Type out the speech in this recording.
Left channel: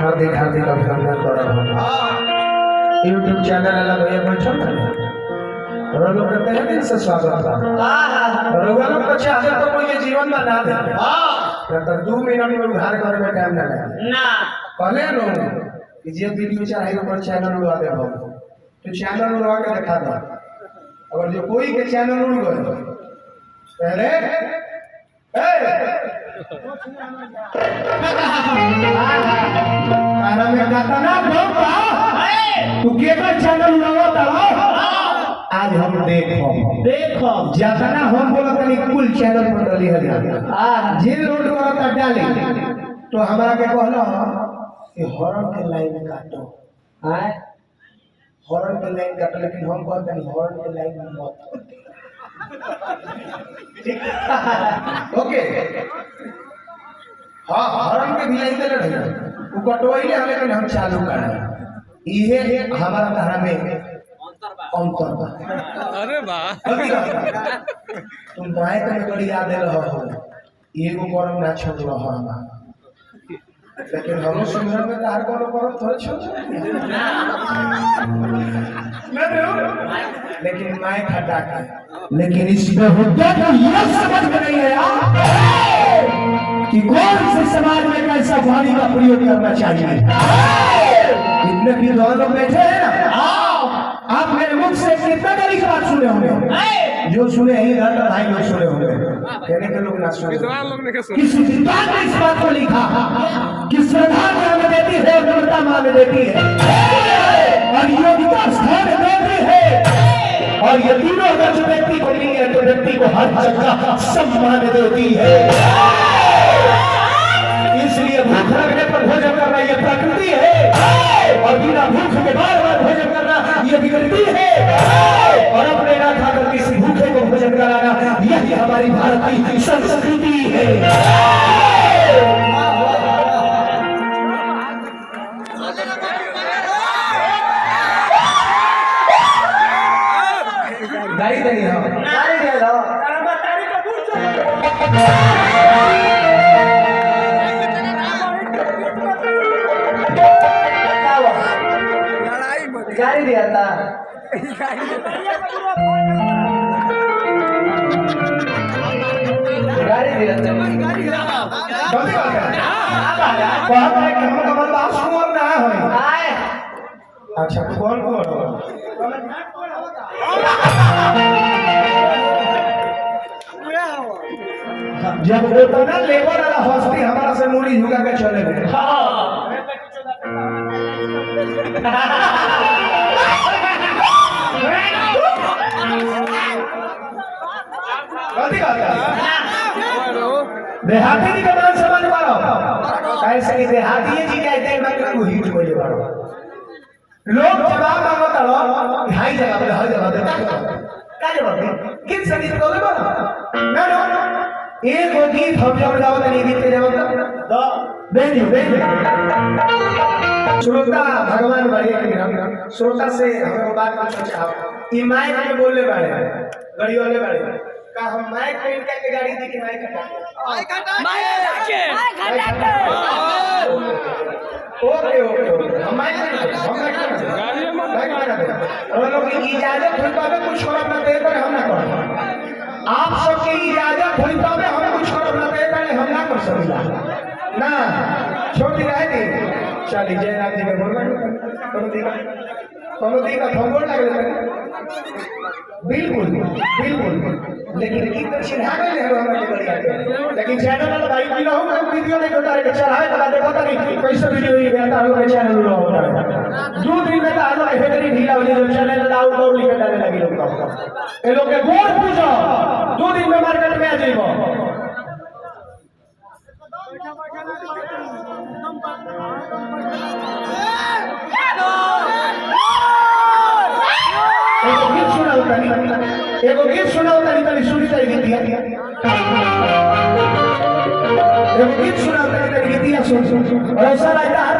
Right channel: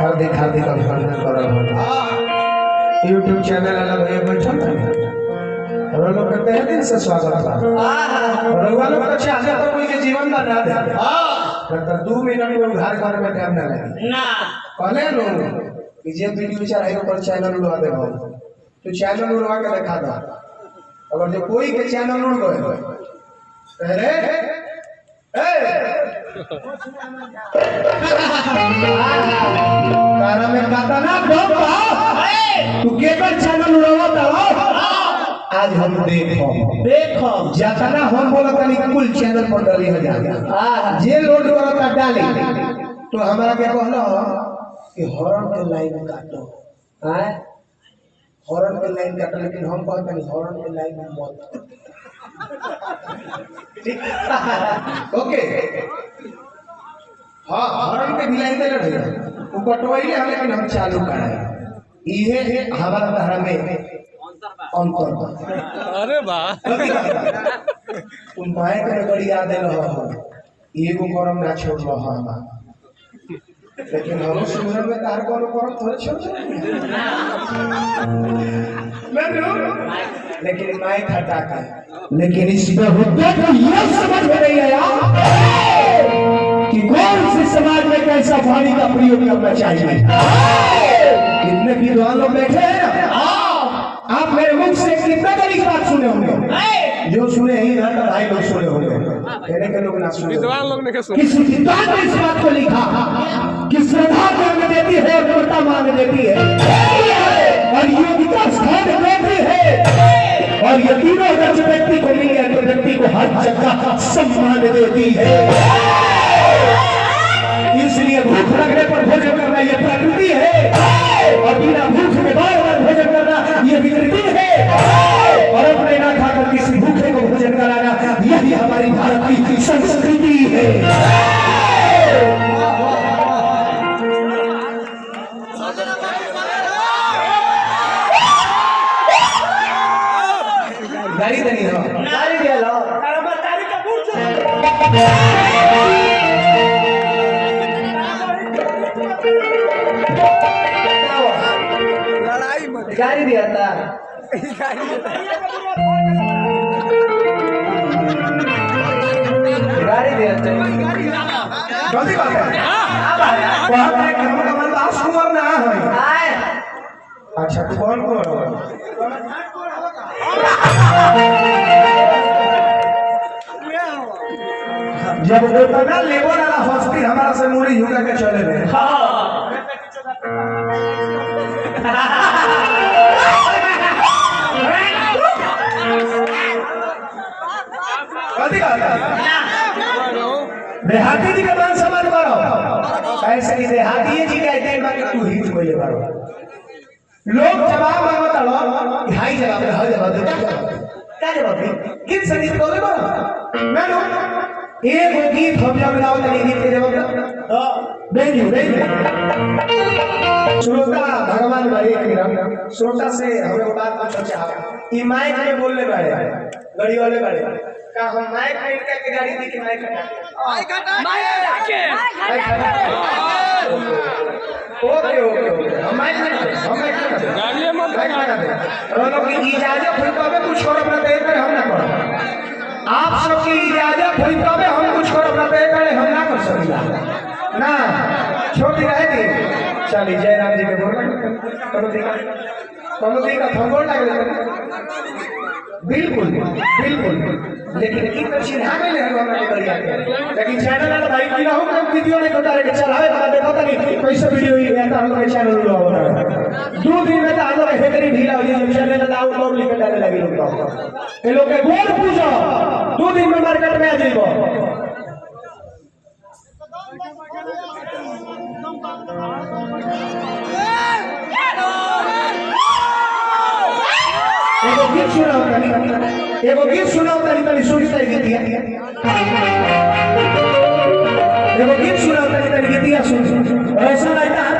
हार्दिक हार्दिक अभिनंदन कर YouTube channel अलग है बैठो ना लोग कहते हैं दिन से स्वागत है रउआ लोग तो चाहते तो कोई के जीवन बना दे तो 2 मिनट में उधार करे में टाइम ना लगे ना कहले लोग कि जे वीडियो चढ़ाई ऊपर चैनल उड़वा दे हो तो चैनल उड़वा के दिखा दो अगर जो कोई के चैनल उड़ गए अरे तारा में काटना ढोका तू केकर चैनल उड़ावा तला आज हम देखो जितना हम बोला तनी कुल चैनल पर डाली हजार जे लोड करता डाली तो हमारा क्या कहलो कि हॉरर के लाइन काटो हॉरर के लाइन काटो लेकिन हम कहते नहीं हॉरर के लाइन मत ठीक ओके हाँ हॉरर के भी लाइन दे रहे वो कटवाइले हम लेकिन हम चालू कराए ये हमारा धारा में अंतर बा अरे वाह तुम बाएं में गड़ी याद रहो एगो गरम ना छोड़ रहा हमा लेकिन हम सुंदर में तार को गरम थोड़ा छोड़ लेकिन माइक हटा के लेकिन इसमें मुद्दे को ये समझ में नहीं आया कि कौन से समाज में कैसा वाणी का प्रयोग करना चाहिए इतने विद्वान लोग बैठे हैं ना आप मेरे मुख से कितना बड़ी बात सुने होंगे जो सुने ही घर का भाई लोग सुने होंगे कहने के लोग ना सुने किसी विद्वान ने इस बात को लिखा कि श्रद्धा मांग देती है और नम्रता मांग देती है और योग्यता स्थान देती है और ये तीनों अगर जो व्यक्ति को मिल गया तो व्यक्ति को हर जगह सम्मान देती है इसलिए भूख लगने पर भोजन करना ये प्रकृति है और बिना भूख में बार बार भोजन करना ये विकृति है और अपने ना खाकर किसी भूखे को भोजन कराना यही हमारी भारत की संस्कृति है गाड़ी देनी हो गाड़ी दे लो तारी का बुझ गाड़ी दिया था गाड़ी दिया था जल्दी कर कौन है कि हम कमल दास कुमार ना है अच्छा तू कौन कौन हो जब उतना लेबर वाला हस्ती हमारा से मुड़ी झुका के चले गए देहाती जी का मान सम्मान करो ऐसे ही देहाती जी कहते हैं कि तू हिट बोले करो लोग जवाब मांगता लो हाई जवाब दे हर जवाब दे क्या जवाब दे गीत संगीत को बोलो ना लो एक वो गीत हम जब गाओ तो गीत के जवाब दो बेनी श्रोता भगवान बड़े श्रोता से हमें बात पूछना चाहो ई माइक में बोलने वाले गाड़ी वाले वाले का हम माइक प्रिंट करके गाड़ी दी के माइक हटा माइक हटा ओके हम माइक लगा दे और लोग की इजाजत हुई तो हमें कुछ और अपना दे पर हम ना करो आप सबकी इजाजत हुई तो हम कुछ और अपना दे पर हम ना कर सकते ना छोटी रहेगी चलिए जयराम जी के बोल कमोदी का थंगोड़ लग बिल्कुल बिल्कुल लेकिन एक तो चिढ़ा के ले हमारे बढ़िया लेकिन चैनल वाला भाई की ना हो कम वीडियो नहीं होता रे चलावे तो देखो तो नहीं कैसे वीडियो ही आता लोग चैनल लो बता 2 दिन में तो आ लोग हेकरी ढीला हो जाए चैनल तो आउट लोग लिख डालने लगे लोग ये लोग के गोड़ पूछो 2 दिन में मार्केट में आ जाइबो एगो गीत सुनाओ तनी सुनी तरी गीतिया एगो गीत सुनाओ तनी गीतिया सुन ऐसा लगता है